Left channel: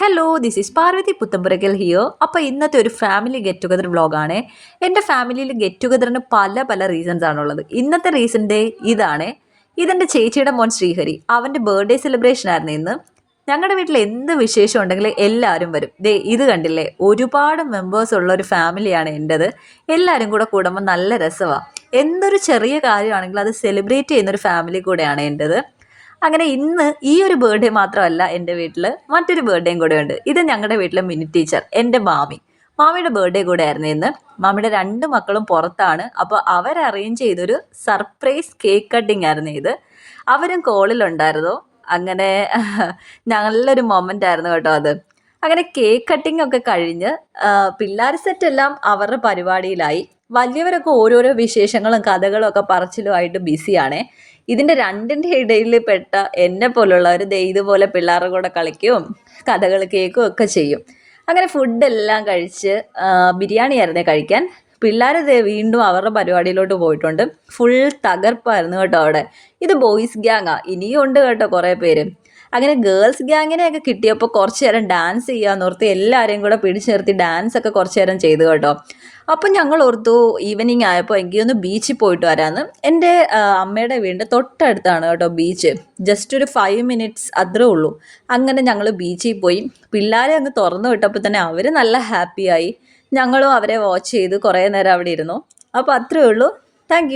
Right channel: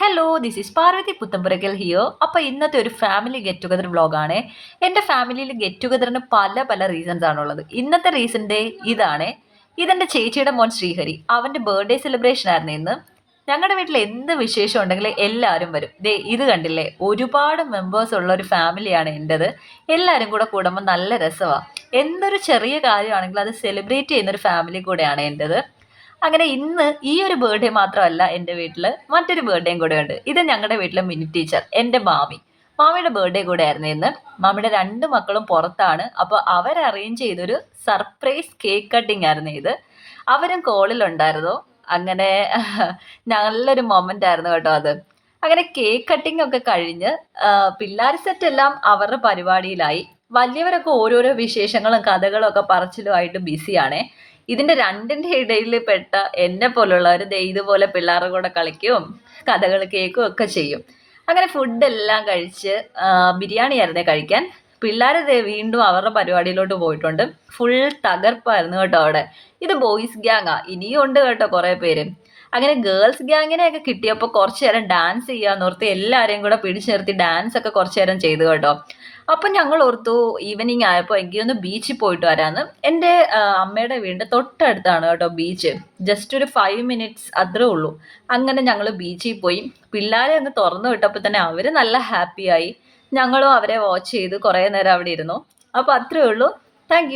Hello this is Parvathy Puthenpurakkal here. അപ്പോൾ ഇന്നത്തെ ഒരു ഫാമിലി ഗെറ്റ് ടുഗദർ വ്ളോഗാണ്. എൻ്റെ ഫാമിലിയിൽ ഗെറ്റ് ടുഗദറിന് പല റീസൺസ് ആണുള്ളത്. ഇന്നത്തെ റീസൺ ഇതാണ്. ഇതെൻ്റെ ചേച്ചിയുടെ മോൻ ശ്രീഹരി. അവൻ്റെ ബർത്ത്ഡേ സെലിബ്രേഷൻ ആയിരുന്നു ഇന്ന്. ഞങ്ങളുടെ വീട്ടിൽ എന്ത് വിശേഷം ഉണ്ടെങ്കിൽ എല്ലാവരും വരും. ദേ ഇത് കണ്ടില്ലേ, ഒരുപാട് മെമ്പേഴ്സ് ഉള്ള ഒരു ഫാമിലിയാണ് എൻ്റെത്. എല്ലാവരും കൂടെ കൂടുമ്പോൾ നല്ല രസമാണ്. എന്തൊരു ചെറിയ കാര്യമാണെങ്കിലും അത് സെലിബ്രേറ്റ് ചെയ്യുന്നൊരു ഫാമിലി കൂടെയാണ് എൻ്റെത്. അങ്ങനെ ഇന്ന് ഈ ഒരു ബർത്ത്ഡേ മാത്രമല്ല എൻ്റെ വീട്ടിൽ മറ്റൊരു ബർത്ത്ഡേയും കൂടെ ഉണ്ട്. ഇത് ഞങ്ങളുടെ വീട്ടിലെ മിനി ടീച്ചർ, എൻ്റെ മാമിയുടെ ബർത്ത്ഡേ കൂടെ ആയിരുന്നു ഇന്ന്. മാമിയുടെ 2 മക്കളും പുറത്താണ്. അപ്പോൾ അവർ അറേഞ്ച് ചെയ്തൊരു സർപ്രൈസ് കേക്ക് കട്ടിങ് ആയിരുന്നു ഇത്. അവരും കോളിലുണ്ടായിരുന്നു. അങ്ങനെ നല്ലൊരു മൊമെൻ്റ് ആയിരുന്നു കേട്ടോ അത്. അങ്ങനെ കേക്ക് കട്ടിംഗ് ഒക്കെ കഴിഞ്ഞ് പിള്ളേർ സെറ്റ് എല്ലാം അവരുടെ പരിപാടിയിലായി. വലിയവരൊക്കെ ഓരോരോ വിശേഷങ്ങളും കഥകളും ഒക്കെ പറച്ചിലുമായിട്ട് ബിസിയാണേ. ഇതിൻ്റെ രണ്ടിൻ്റെ ഇടയിൽ പെട്ട എന്നെ പോലുള്ളവർ ദേ ഇതുപോലെ പിള്ളേരുടെ കൂടെ കളിക്കുകയും കഥകൾ കേൾക്കുകയും ഒക്കെ ചെയ്യും. അങ്ങനെ ഫുഡെല്ലാം കഴിച്ച് ബിരിയാണി ആയിരുന്നേ കഴിക്കാൻ. പിള്ളേർ ദേ വീണ്ടും അവരുടെ പരിപാടിയിലോട്ട് പോയിട്ടുണ്ട്. ഫുൾ തകർപ്പായിരുന്നു കേട്ടോ അവിടെ. ഇത് ബോയ്സ് ഗ്യാങ്ങാ, ഇനിയും ഉണ്ട് കേട്ടോ കുറേ പേര്. അങ്ങനെ ഗേൾസ് ഗ്യാങ്ങിനെയൊക്കെ കിട്ടിയപ്പോൾ കുറച്ച് നേരം ഡാൻസ് ചെയ്യാമെന്നോർത്ത് എല്ലാവരെയും കൂടെ പിടിച്ചു നിർത്തി ഡാൻസ് ഒക്കെ കുറച്ച് നേരം ചെയ്തു കേട്ടോ. അപ്പം ഞങ്ങൾ ഓർത്തു ഈവനിങ് ആയപ്പോൾ എനിക്കൊന്ന് ബീച്ചിൽ പോയിട്ട് വരാമെന്ന്. എൻ്റെ അമ്മയുടെ വീടിൻ്റെ തൊട്ടടുത്താണ് കേട്ടോ ബീച്ച്. ജസ്റ്റ് ഒരു 5 മിനിറ്റ്സ് അത്രേ ഉള്ളൂ. അങ്ങനെ ഞങ്ങൾ ബീച്ചിൽ പോയി. പിള്ളേരെ അങ്ങ് തുറന്നു വിട്ടപ്പോൾ തന്നെ അവർ നല്ല ഹാപ്പിയായി. ഞങ്ങളും അവരെ വാച്ച് ചെയ്ത് കുറേ നേരം അവിടെ ഇരുന്നു. അപ്പോൾ അത്രയേ ഉള്ളൂ. താങ്ക്